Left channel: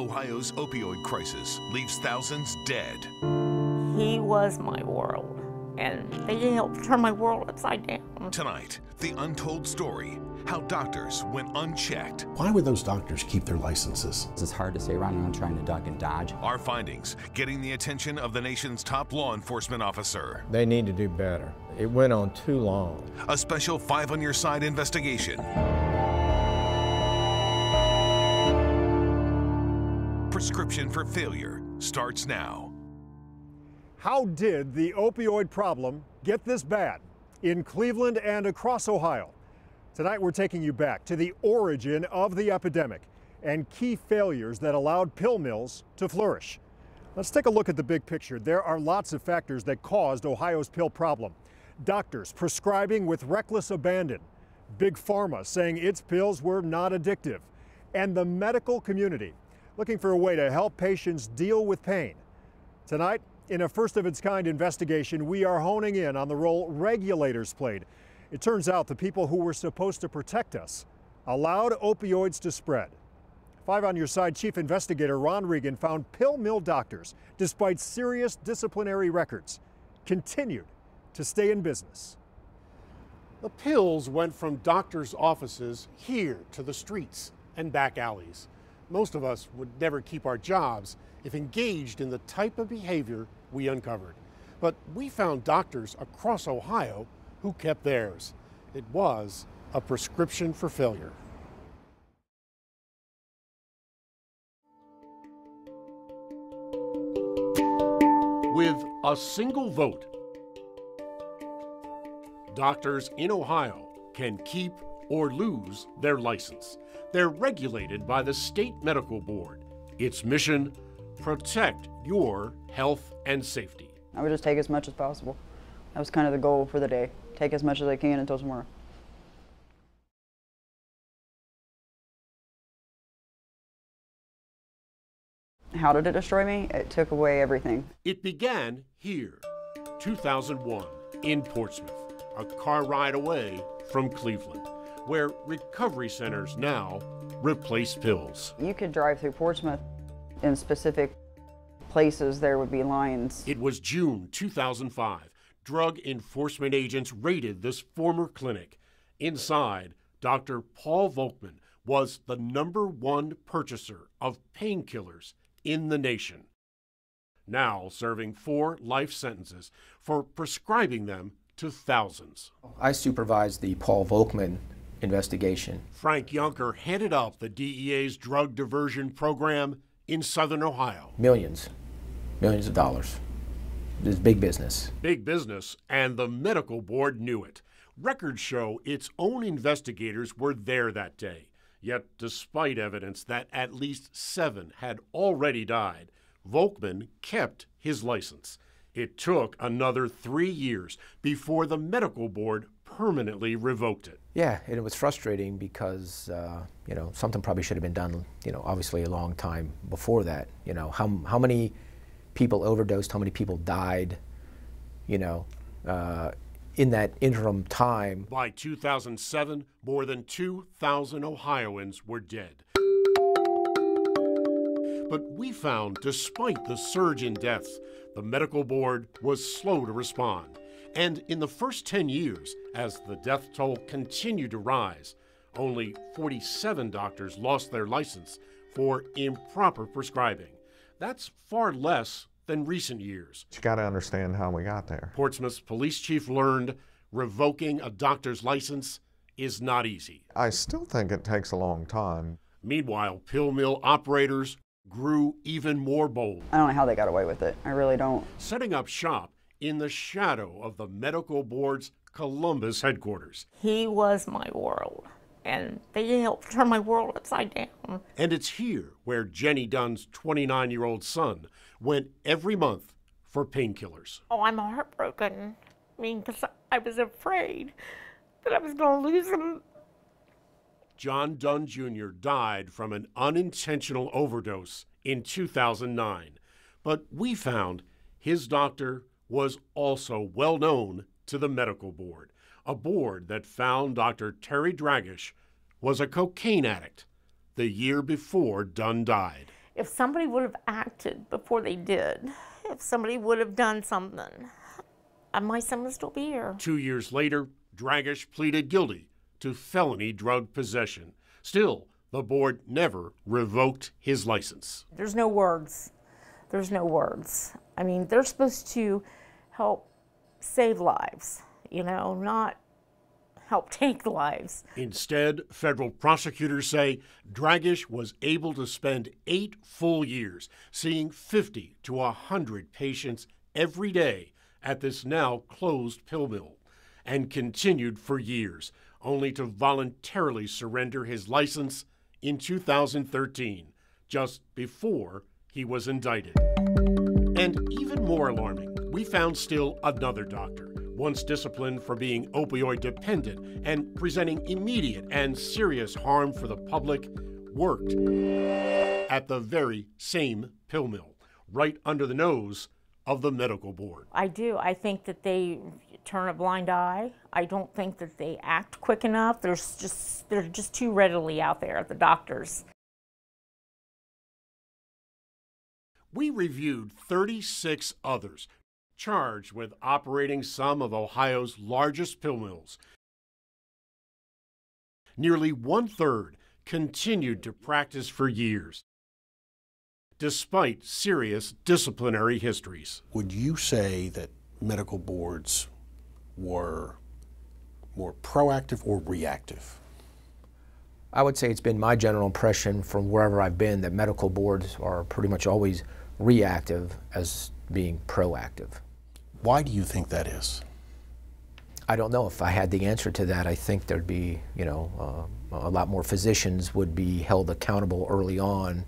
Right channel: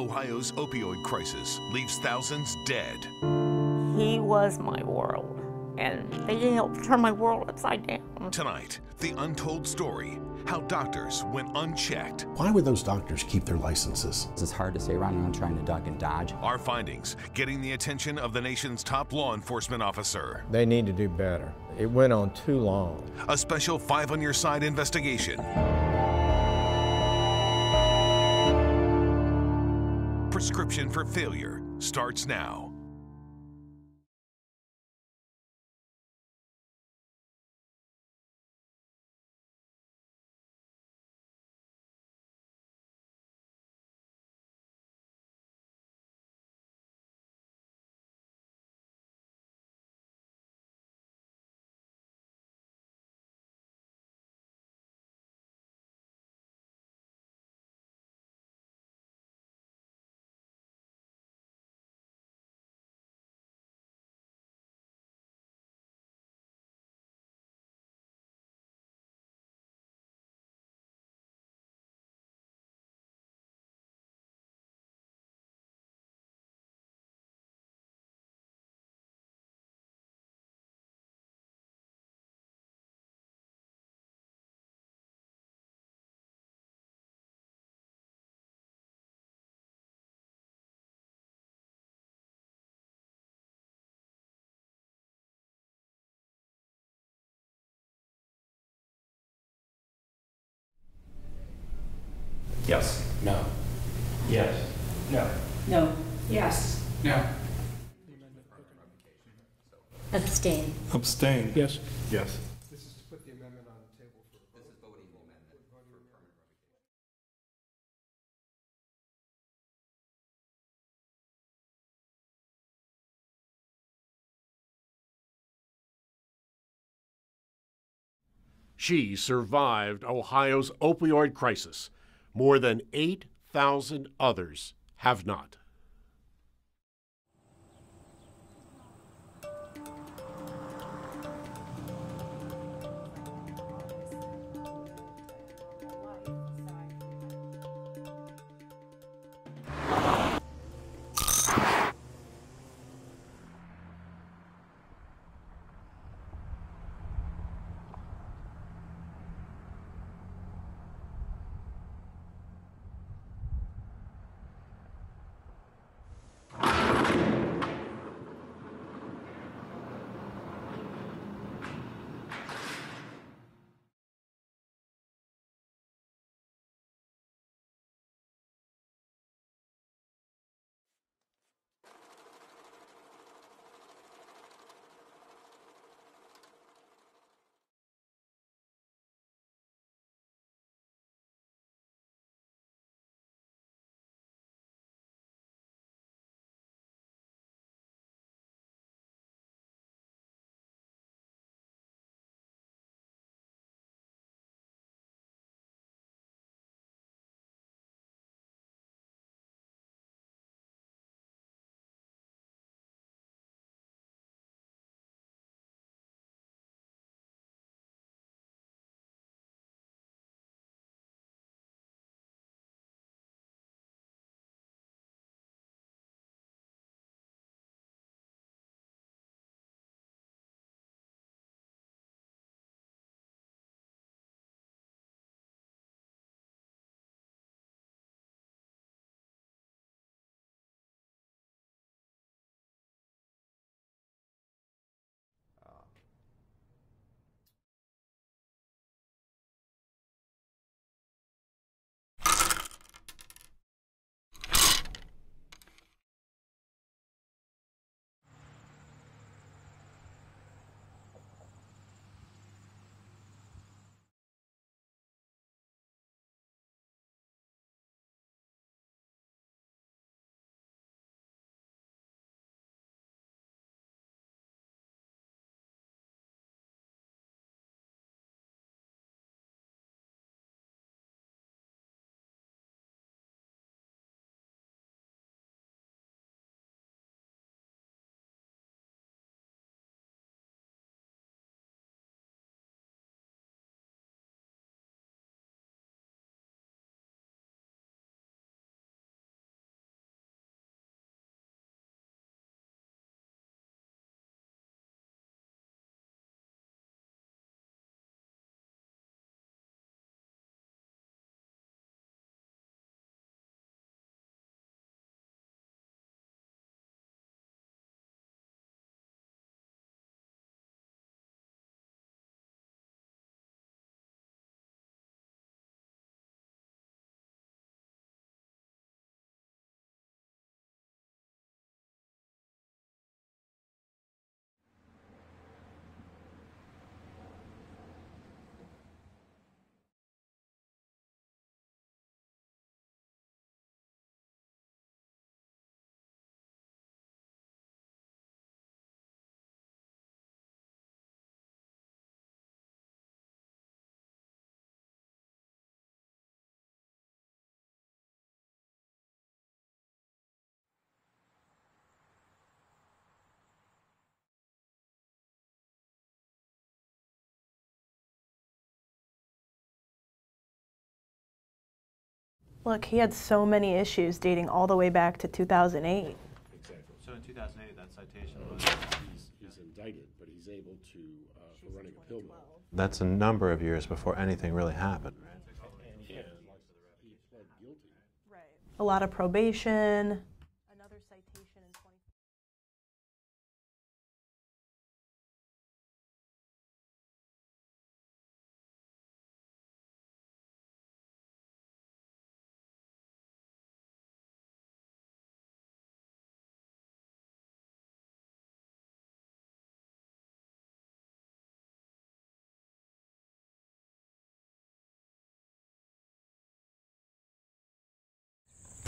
Ohio's opioid crisis leaves thousands dead. He was my world, and they helped turn my world upside down. Tonight, the untold story, how doctors went unchecked. Why would those doctors keep their licenses? It's hard to say running around trying to duck and dodge. Our findings getting the attention of the nation's top law enforcement officer. They need to do better. It went on too long. A special 5 on Your Side investigation. Prescription for Failure starts now. How did the opioid problem get this bad in Cleveland and across Ohio? Tonight we're taking you back to the origin of the epidemic and key failures that allowed pill mills to flourish. Let's take a look at the big picture. There are lots of factors that caused Ohio's pill problem. Doctors prescribing with reckless abandon, Big Pharma saying its pills were not addictive, and the medical community looking for a way to help patients deal with pain. Tonight, in a first-of-its-kind investigation, we are honing in on the role regulators played. It turns out the people who were supposed to protect us allowed opioids to spread. 5 on Your Side Chief Investigator Ron Regan found pill mill doctors, despite serious disciplinary records, continued to stay in business. The pills went from doctors' offices here to the streets and back alleys. Most of us would never keep our jobs if engaged in the type of behavior we uncovered. But we found doctors across Ohio who kept theirs. It was a prescription for failure. Yes. No. Yes. No. No. Yes. No. With a single vote. Abstain. Abstain. Yes. Yes. Doctors in Ohio can keep or lose their license. They're regulated by the State Medical Board. Its mission, protect your health and safety. I would just take as much as possible. That was kind of the goal for the day. Take as much as I can until tomorrow. She survived Ohio's opioid crisis. More than 8,000 others have not. How did it destroy me? It took away everything. It began here, 2001, in Portsmouth, a car ride away from Cleveland, where recovery centers now replace pills. You could drive through Portsmouth. In specific places, there would be lines. It was June 2005. Drug enforcement agents raided this former clinic. Inside, Dr. Paul Volkman was the #1 purchaser of painkillers in the nation, now serving 4 life sentences for prescribing them to thousands. I supervised the Paul Volkman investigation. Frank Yunker headed up the DEA's drug diversion program in southern Ohio. Millions of dollars. This is big business. Big business, and the medical board knew it. Records show its own investigators were there that day. Yet, despite evidence that at least 7 had already died, Volkman kept his license. It took another 3 years before the medical board permanently revoked it. Yeah, and it was frustrating because, something probably should have been done, obviously a long time before that. How many people overdosed, how many people died, in that interim time. By 2007, more than 2,000 Ohioans were dead. But we found, despite the surge in deaths, the medical board was slow to respond. And in the first 10 years, as the death toll continued to rise, only 47 doctors lost their license for improper prescribing. That's far less than recent years. You got to understand how we got there. Portsmouth's police chief learned revoking a doctor's license is not easy. I still think it takes a long time. Meanwhile, pill mill operators grew even more bold. I don't know how they got away with it. I really don't. Setting up shop in the shadow of the medical board's Columbus headquarters. He was my world, and they helped turn my world upside down. And it's here where Jenny Dunn's 29-year-old son went every month for painkillers. Oh, I'm heartbroken. Because I was afraid that I was going to lose him. John Dunn Jr. died from an unintentional overdose in 2009. But we found his doctor was also well known to the medical board, a board that found Dr. Terry Dragish was a cocaine addict the year before Dunn died. If somebody would have acted before they did, if somebody would have done something, my son would still be here. 2 years later, Dragish pleaded guilty to felony drug possession. Still, the board never revoked his license. There's no words. There's no words. I mean, they're supposed to help save lives, you know, not help take lives. Instead, federal prosecutors say Dragish was able to spend 8 full years seeing 50 to 100 patients every day at this now closed pill mill, and continued for years, only to voluntarily surrender his license in 2013, just before he was indicted. And even more alarming, we found still another doctor, once disciplined for being opioid dependent and presenting immediate and serious harm for the public, worked at the very same pill mill, right under the nose of the medical board. I do. I think that they turn a blind eye. I don't think that they act quick enough. They're just too readily out there, the doctors. Look, he had so many issues dating all the way back to 2008. We reviewed 36 others charged with operating some of Ohio's largest pill mills. That's a number of years before anything really happened. Nearly 1/3 continued to practice for years. A lot of probation. Despite serious disciplinary histories. Would you say that medical boards were more proactive or reactive? I would say it's been my general impression from wherever I've been that medical boards are pretty much always reactive as being proactive. Why do you think that is? I don't know. If I had the answer to that, I think there'd be, you know, a lot more physicians would be held accountable early on.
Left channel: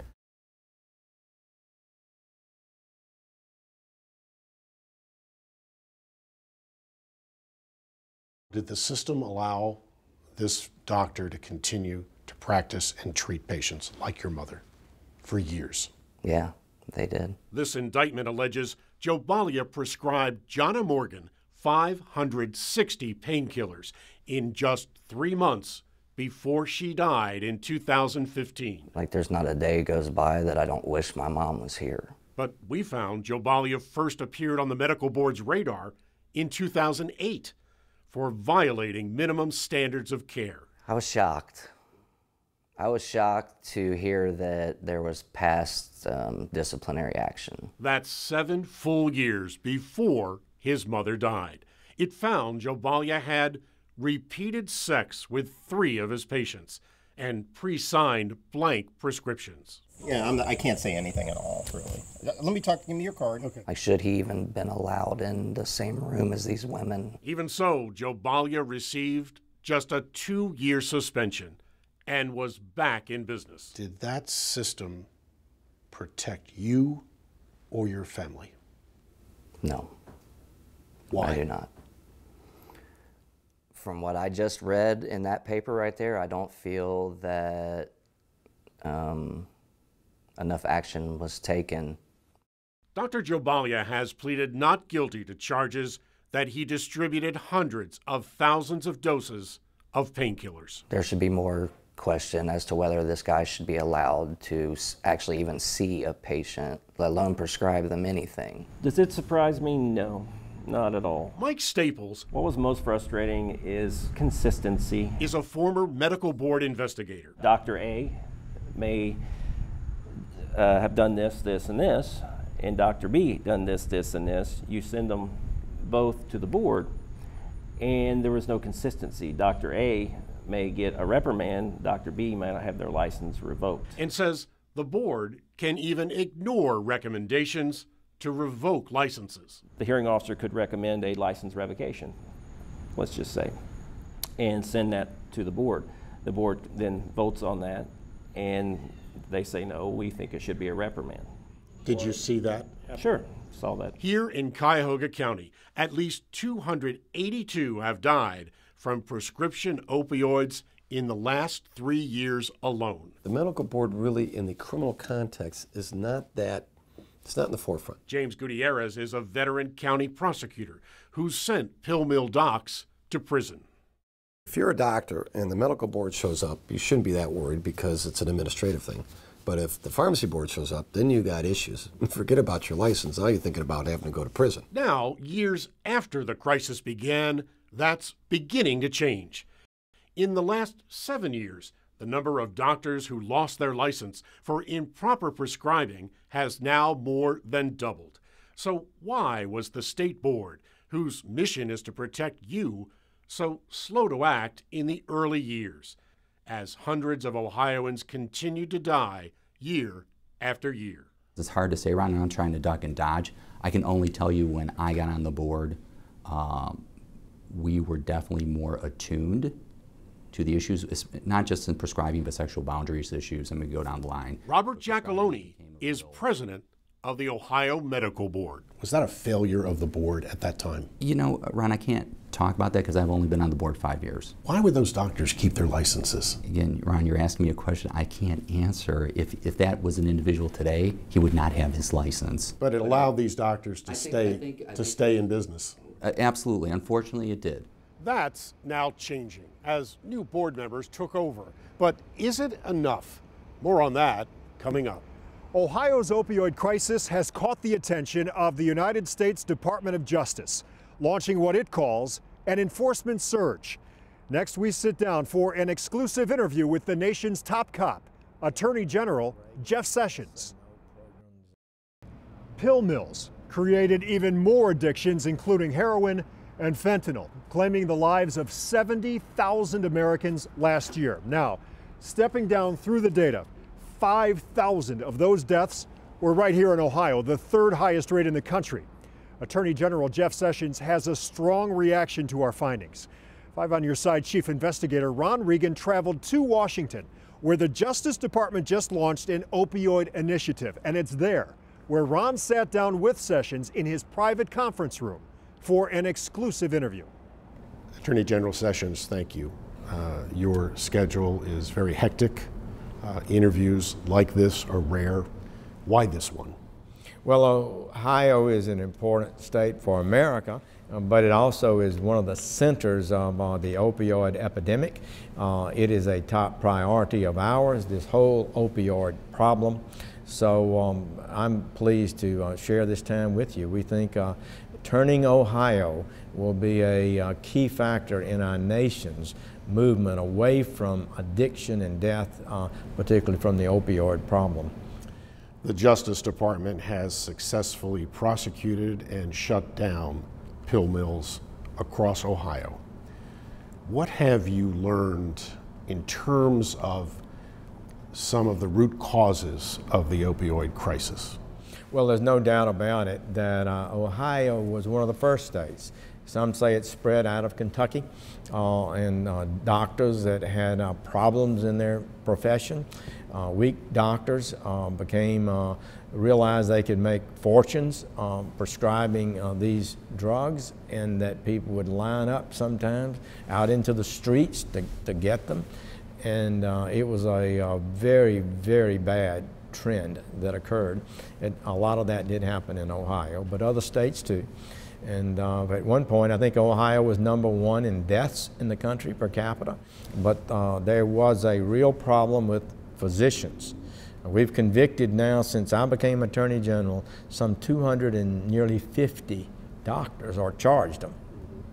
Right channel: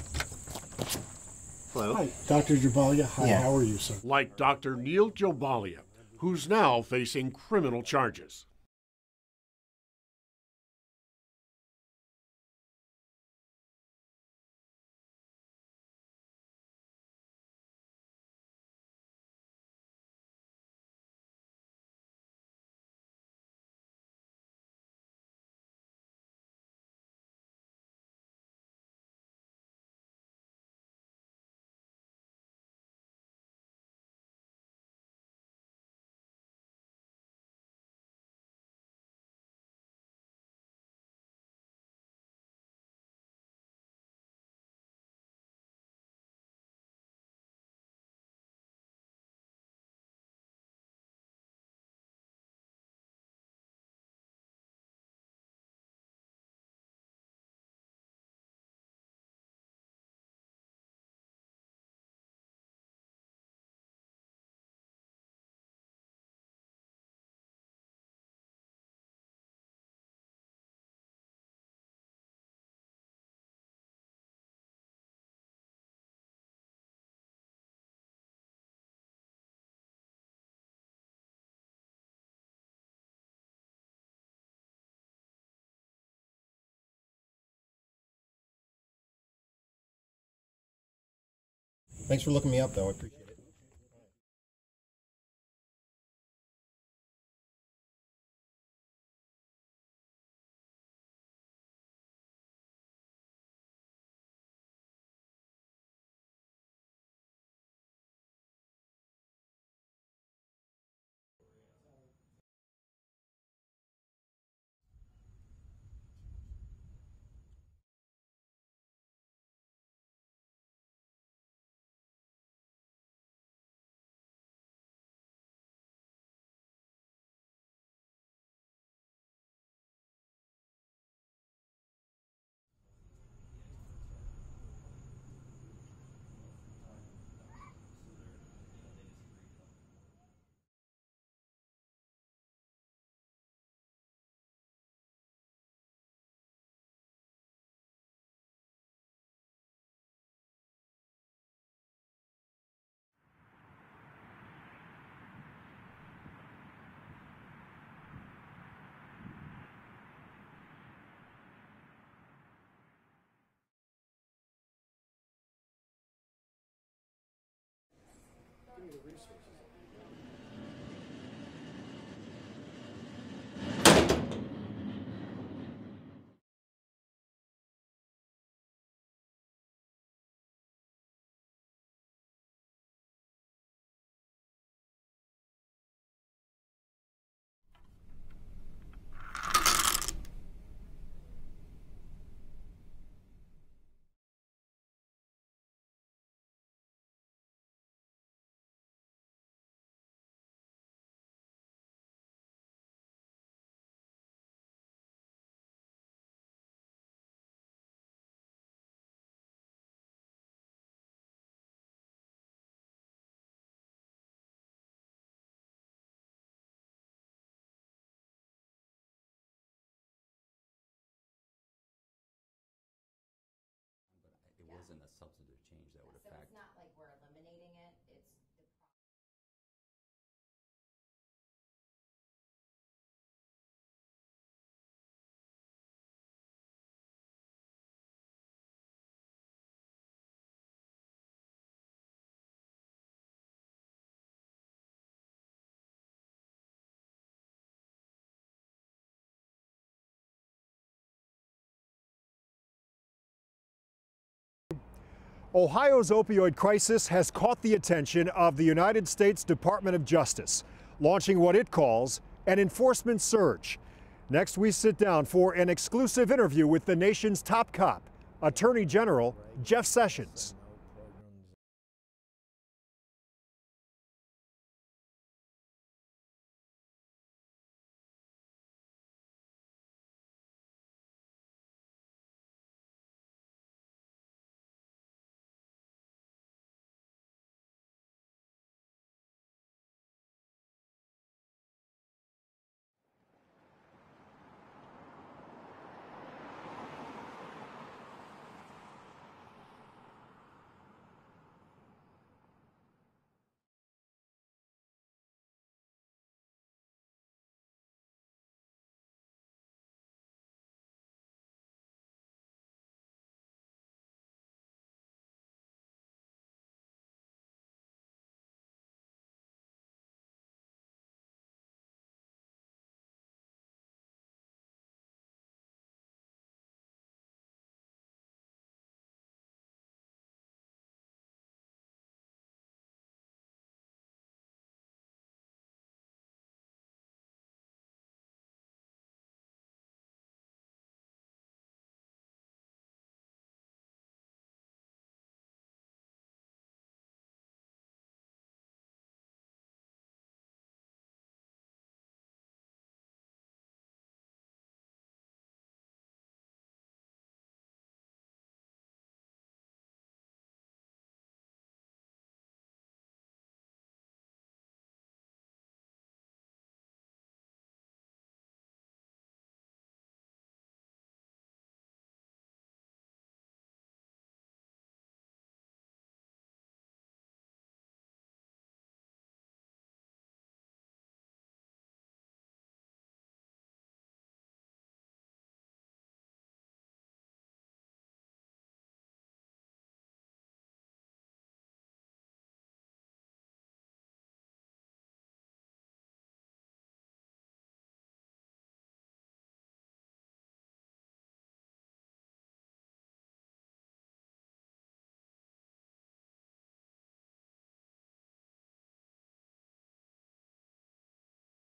Hello. Hi, Dr. Jobalia. Hi, how are you, sir? Like Dr. Neil Jobalia, who's now facing criminal charges. Did the system allow this doctor to continue to practice and treat patients like your mother for years? Yeah, they did. This indictment alleges Jobalia prescribed Jonna Morgan 560 painkillers in just 3 months before she died in 2015. Like, there's not a day goes by that I don't wish my mom was here. But we found Jobalia first appeared on the medical board's radar in 2008 for violating minimum standards of care. I was shocked. I was shocked to hear that there was past disciplinary action. That's 7 full years before his mother died. It found Jobalia had repeated sex with 3 of his patients and pre-signed blank prescriptions. Yeah, I can't say anything at all, really. Let me talk, give me your card. Okay. Like, should he even been allowed in the same room as these women? Even so, Jobalia received just a 2-year suspension and was back in business. Did that system protect you or your family? No. Why? I do not. From what I just read in that paper right there, I don't feel that enough action was taken. Thanks for looking me up, though. Dr. Jobalia has pleaded not guilty to charges that he distributed hundreds of thousands of doses of painkillers. There should be more question as to whether this guy should be allowed to actually even see a patient, let alone prescribe them anything. Does it surprise me? No. Not at all. Mike Staples, what was most frustrating is consistency. Is a former medical board investigator. Dr. A may have done this, this, and this, and Dr. B done this, this, and this. You send them both to the board, and there was no consistency. Dr. A may get a reprimand. Dr. B may not have their license revoked. And says the board can even ignore recommendations to revoke licenses. The hearing officer could recommend a license revocation, let's just say, and send that to the board. The board then votes on that, and they say, no, we think it should be a reprimand. Did you see that? Sure, saw that. Here in Cuyahoga County, at least 282 have died from prescription opioids in the last 3 years alone. The medical board really, in the criminal context, is not that, it's not in the forefront. James Gutierrez is a veteran county prosecutor who's sent pill mill docs to prison. If you're a doctor and the medical board shows up, you shouldn't be that worried because it's an administrative thing. But if the pharmacy board shows up, then you got issues. Forget about your license. Now you're thinking about having to go to prison. Now, years after the crisis began, that's beginning to change. In the last 7 years, the number of doctors who lost their license for improper prescribing has now more than doubled. So why was the state board, whose mission is to protect you, so slow to act in the early years, as hundreds of Ohioans continue to die year after year? It's hard to say right now, I'm trying to duck and dodge. I can only tell you when I got on the board, we were definitely more attuned to the issues, not just in prescribing, but sexual boundaries issues, and we go down the line. Robert Giacalone is president of the Ohio Medical Board. Was that a failure of the board at that time? You know, Ron, I can't talk about that because I've only been on the board 5 years. Why would those doctors keep their licenses? Again, Ron, you're asking me a question I can't answer. If that was an individual today, he would not have his license. But it allowed these doctors to stay in business. Absolutely. Unfortunately, it did. That's now changing as new board members took over. But is it enough? More on that coming up. Ohio's opioid crisis has caught the attention of the United States Department of Justice, launching what it calls an enforcement surge. Next, we sit down for an exclusive interview with the nation's top cop, Attorney General Jeff Sessions. Pill mills created even more addictions, including heroin and fentanyl, claiming the lives of 70,000 Americans last year. Now, stepping down through the data, 5,000 of those deaths were right here in Ohio, the third highest rate in the country. Attorney General Jeff Sessions has a strong reaction to our findings. 5 on Your Side Chief Investigator Ron Regan traveled to Washington, where the Justice Department just launched an opioid initiative, and it's there where Ron sat down with Sessions in his private conference room for an exclusive interview. Attorney General Sessions, thank you. Your schedule is very hectic. Interviews like this are rare. Why this one? Well, Ohio is an important state for America, but it also is one of the centers of the opioid epidemic. It is a top priority of ours, this whole opioid problem. So I'm pleased to share this time with you. We think turning Ohio will be a key factor in our nation's movement away from addiction and death, particularly from the opioid problem. The Justice Department has successfully prosecuted and shut down pill mills across Ohio. What have you learned in terms of some of the root causes of the opioid crisis? Well, there's no doubt about it that Ohio was one of the first states. Some say it spread out of Kentucky, and doctors that had problems in their profession, weak doctors realized they could make fortunes prescribing these drugs, and that people would line up sometimes out into the streets to get them. And it was a very, very bad trend that occurred. A lot of that did happen in Ohio, but other states too. And at one point, I think Ohio was #1 in deaths in the country per capita. But there was a real problem with physicians. We've convicted now, since I became Attorney General, some 250 doctors, or charged them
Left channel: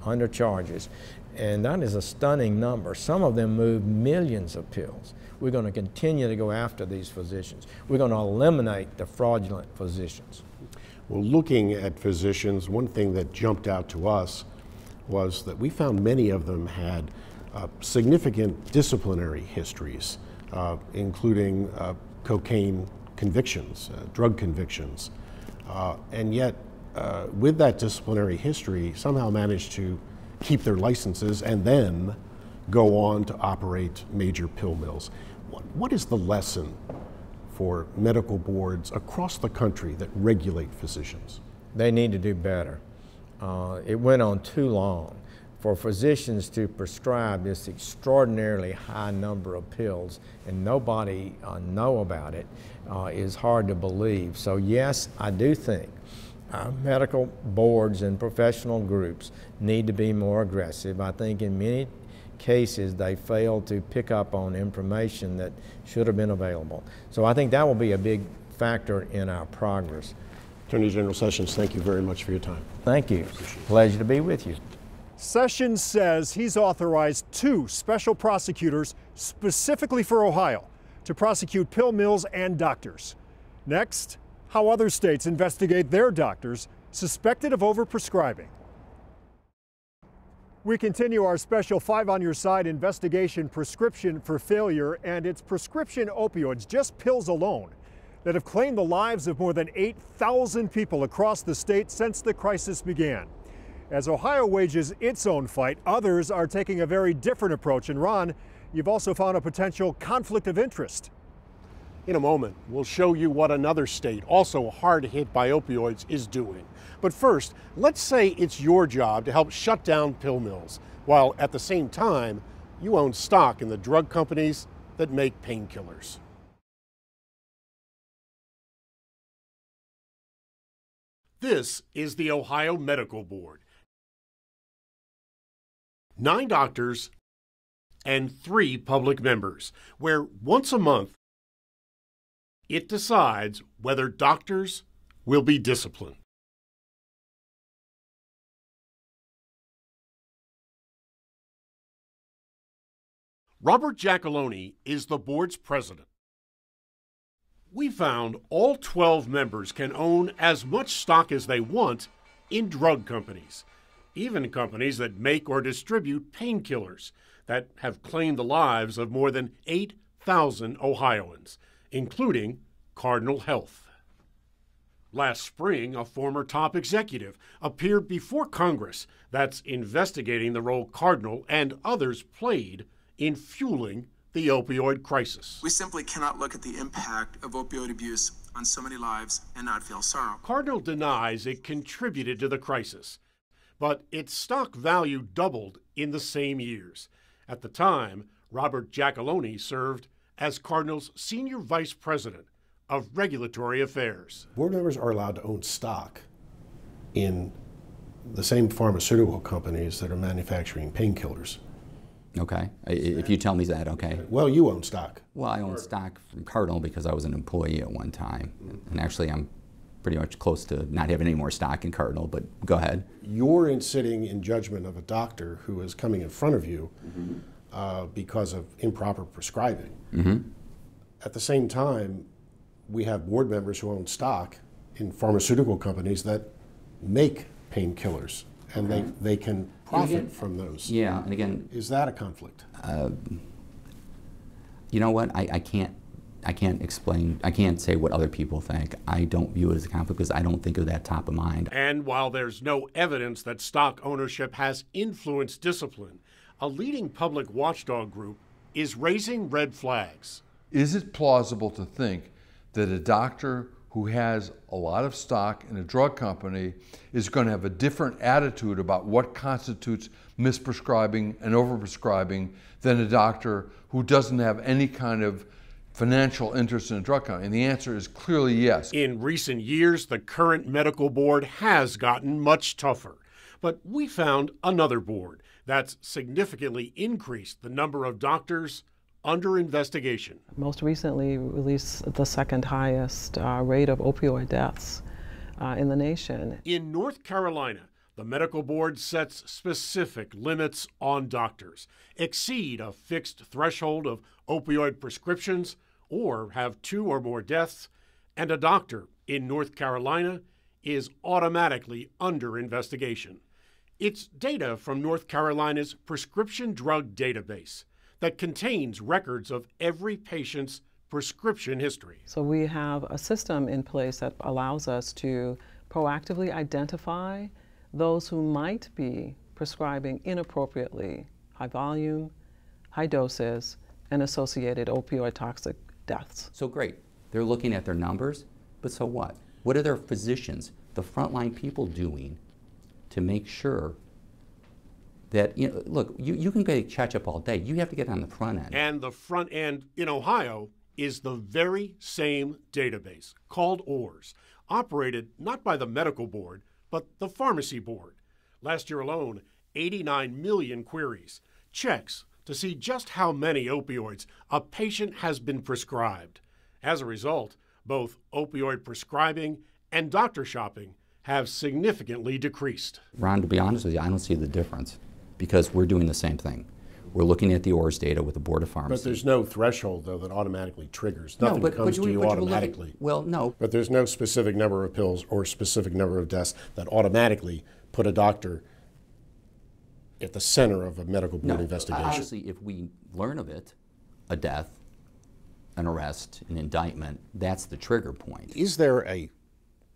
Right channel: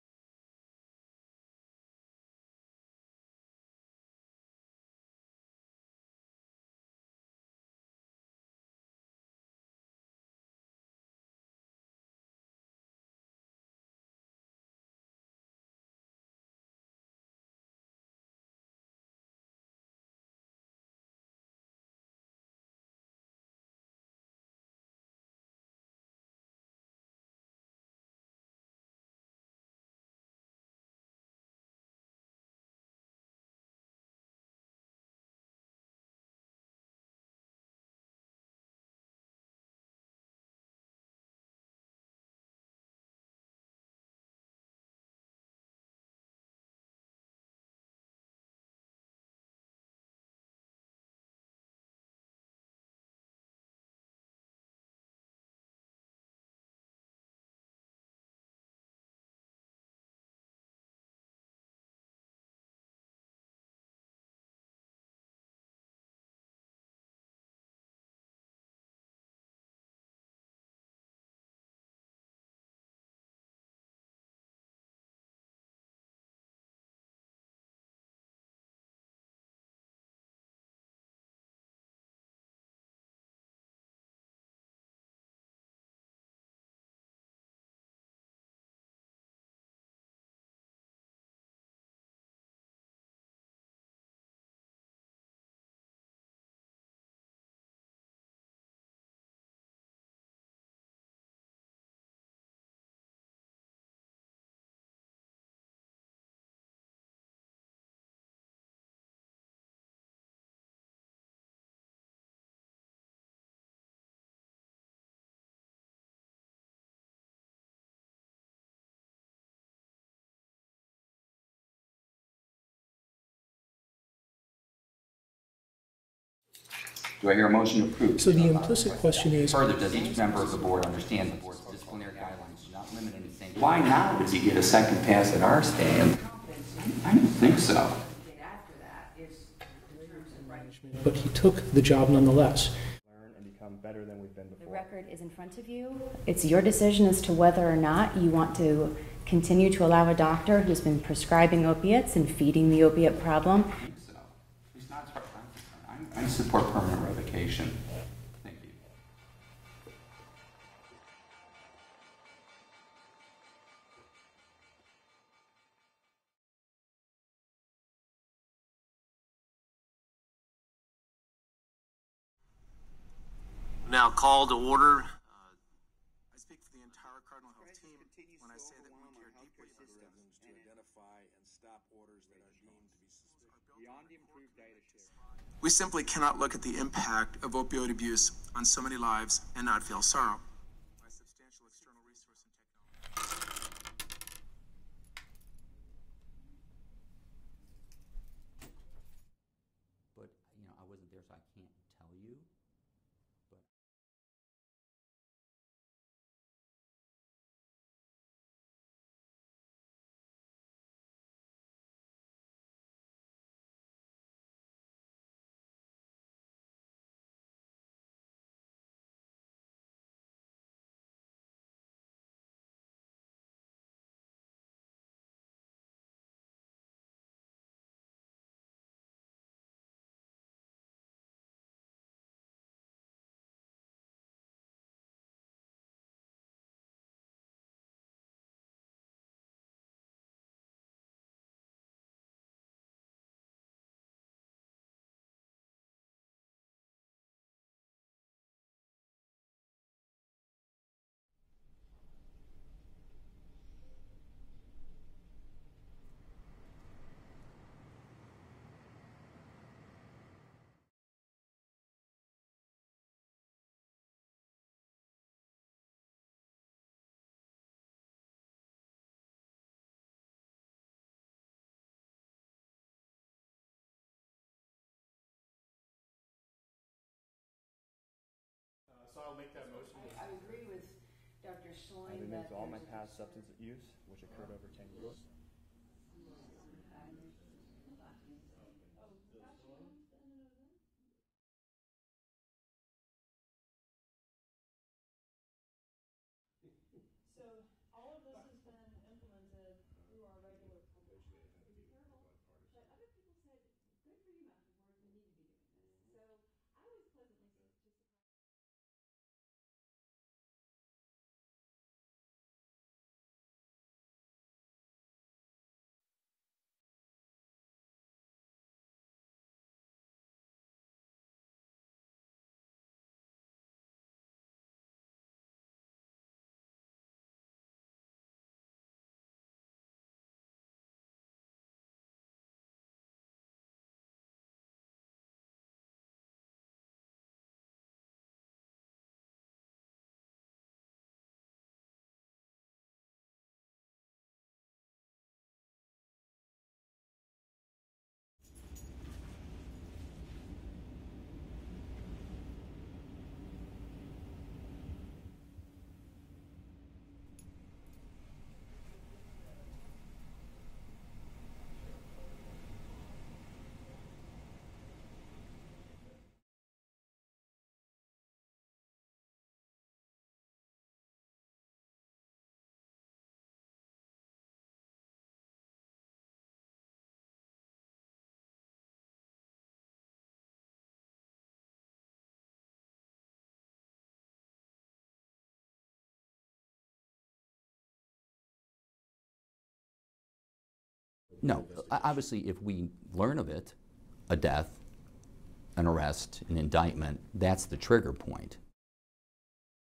under charges. And that is a stunning number. Some of them move millions of pills. We're going to continue to go after these physicians. We're going to eliminate the fraudulent physicians. Well, looking at physicians, one thing that jumped out to us was that we found many of them had significant disciplinary histories, including cocaine convictions, drug convictions, and yet with that disciplinary history somehow managed to keep their licenses and then go on to operate major pill mills. What is the lesson for medical boards across the country that regulate physicians? They need to do better. It went on too long. For physicians to prescribe this extraordinarily high number of pills and nobody know about it is hard to believe. So yes, I do think medical boards and professional groups need to be more aggressive. I think in many cases, they fail to pick up on information that should have been available. So I think that will be a big factor in our progress. Attorney General Sessions, thank you very much for your time. Thank you. Pleasure to be with you. Sessions says he's authorized 2 special prosecutors specifically for Ohio to prosecute pill mills and doctors. Next, how other states investigate their doctors suspected of overprescribing. We continue our special 5 on Your Side investigation, Prescription for Failure, and it's prescription opioids, just pills alone, that have claimed the lives of more than 8,000 people across the state since the crisis began. As Ohio wages its own fight, others are taking a very different approach. And Ron, you've also found a potential conflict of interest. In a moment, we'll show you what another state, also hard hit by opioids, is doing. But first, let's say it's your job to help shut down pill mills, while at the same time, you own stock in the drug companies that make painkillers. Do I hear a motion to approve? So the implicit question is, Further, does each member of the board understand? This is the Ohio Medical Board. Why now does he get a second pass at our stand? 9 doctors, I didn't think so. And 3 public members, where once a month, but he took the job nonetheless. it decides whether doctors will be disciplined. It's your decision as to whether or not you want to continue to allow a doctor who's been prescribing opiates and feeding the opiate problem. Robert Giacalone is the board's president. I support permanent revocation. We found all 12 members can own as much stock as they want in drug companies, even companies that make or distribute painkillers that have claimed the lives of more than 8,000 Ohioans, including Cardinal Health. Now call to order. Last spring, a former top executive appeared before Congress that's investigating the role Cardinal and others played in fueling the opioid crisis. We simply cannot look at the impact of opioid abuse on so many lives and not feel sorrow. Cardinal denies it contributed to the crisis, but its stock value doubled in the same years. At the time, Robert Giacalone served as Cardinal's senior vice president of regulatory affairs. Board members are allowed to own stock in the same pharmaceutical companies that are manufacturing painkillers. Okay, if you tell me that, okay. Well, you own stock. Well, I own stock from Cardinal because I was an employee at one time. And actually, I'm pretty much close to not having any more stock in Cardinal, but go ahead. You're sitting in judgment of a doctor who is coming in front of you because of improper prescribing. At the same time, we have board members who own stock in pharmaceutical companies that make painkillers, and they can profit from those. Yeah, and again, is that a conflict? You know what? I can't explain. I can't say what other people think. I don't view it as a conflict because I don't think of that top of mind. And while there's no evidence that stock ownership has influenced discipline, a leading public watchdog group is raising red flags. Is it plausible to think that a doctor who has a lot of stock in a drug company is going to have a different attitude about what constitutes misprescribing and overprescribing than a doctor who doesn't have any kind of financial interest in a drug company? And the answer is clearly yes. In recent years, the current medical board has gotten much tougher. But we found another board that's significantly increased the number of doctors under investigation. Most recently released the second highest rate of opioid deaths in the nation. In North Carolina, the medical board sets specific limits on doctors, exceed a fixed threshold of opioid prescriptions, or have 2 or more deaths, and a doctor in North Carolina is automatically under investigation. It's data from North Carolina's prescription drug database that contains records of every patient's prescription history. So we have a system in place that allows us to proactively identify those who might be prescribing inappropriately high volume, high doses, and associated opioid toxic deaths. So great, they're looking at their numbers, but so what? What are their physicians, the frontline people, doing to make sure that, you know, look, you can get catch-up all day. You have to get on the front end. And the front end in Ohio is the very same database, called ORS, operated not by the medical board, but the pharmacy board. Last year alone, 89 million queries, checks to see just how many opioids a patient has been prescribed. As a result, both opioid prescribing and doctor shopping have significantly decreased. Ron, to be honest with you, I don't see the difference because we're doing the same thing. We're looking at the ORS data with the Board of Pharmacy. But there's no threshold, though, that automatically triggers. Nothing comes to you automatically. Well, no. But there's no specific number of pills or specific number of deaths that automatically put a doctor at the center of a medical board investigation. Obviously, if we learn of it, a death, an arrest, an indictment, that's the trigger point. Is there a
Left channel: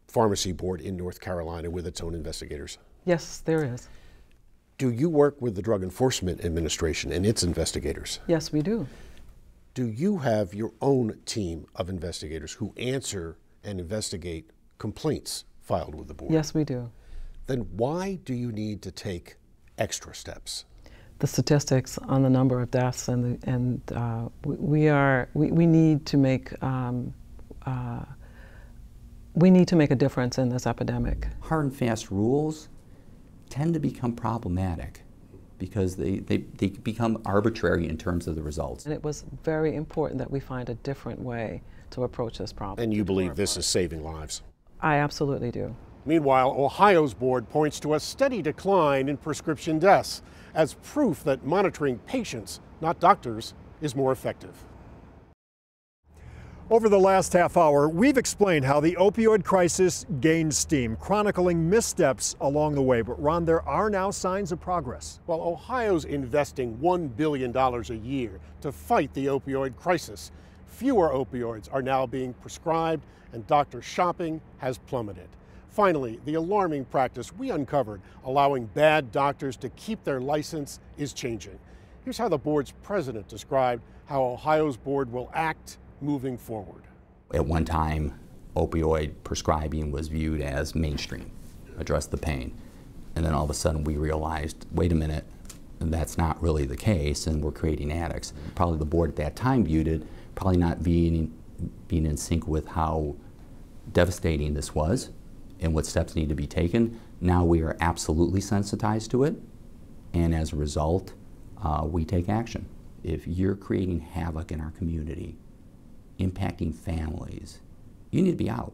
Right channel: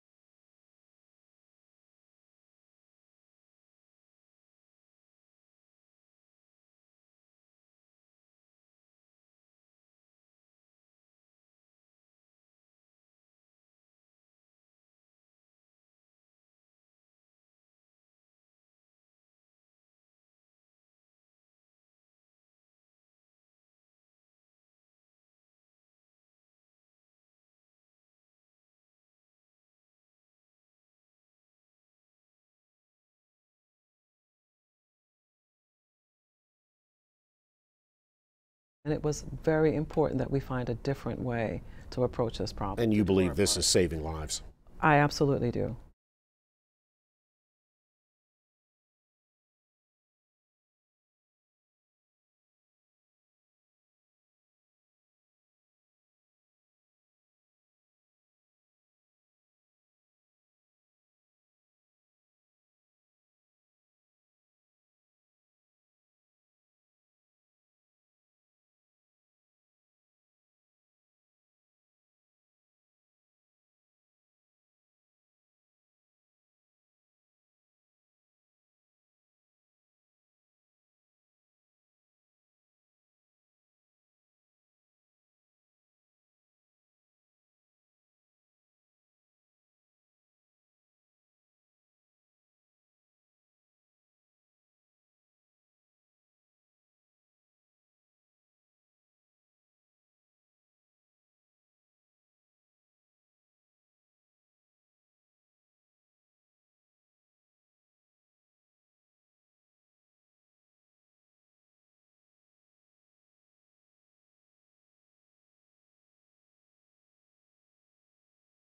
pharmacy board in North Carolina with its own investigators? Yes, there is. Do you work with the Drug Enforcement Administration and its investigators? Yes, we do. Do you have your own team of investigators who answer and investigate complaints filed with the board? Yes, we do. Then why do you need to take extra steps? The statistics on the number of deaths we need to make a difference in this epidemic. Hard and fast rules tend to become problematic because they become arbitrary in terms of the results. And it was very important that we find a different way to approach this problem. And you believe this is saving lives? I absolutely do. Meanwhile, Ohio's board points to a steady decline in prescription deaths as proof that monitoring patients, not doctors, is more effective. Over the last half hour, we've explained how the opioid crisis gained steam, chronicling missteps along the way. But Ron, there are now signs of progress. Well, Ohio's investing $1 billion a year to fight the opioid crisis. Fewer opioids are now being prescribed and doctor shopping has plummeted. Finally, the alarming practice we uncovered, allowing bad doctors to keep their license, is changing. Here's how the board's president described how Ohio's board will act moving forward. At one time, opioid prescribing was viewed as mainstream, address the pain. And then all of a sudden we realized, wait a minute, that's not really the case, and we're creating addicts. Probably the board at that time viewed it, probably not being in sync with how devastating this was and what steps need to be taken. Now we are absolutely sensitized to it, and as a result, we take action. If you're creating havoc in our community, impacting families, you need to be out,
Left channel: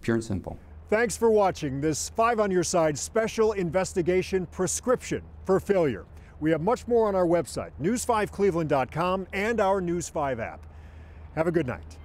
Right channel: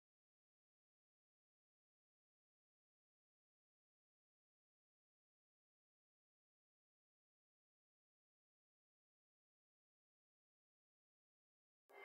pure and simple. Thanks for watching this 5 on Your Side special investigation prescription for failure. We have much more on our website, news5cleveland.com, and our News 5 app. Have a good night.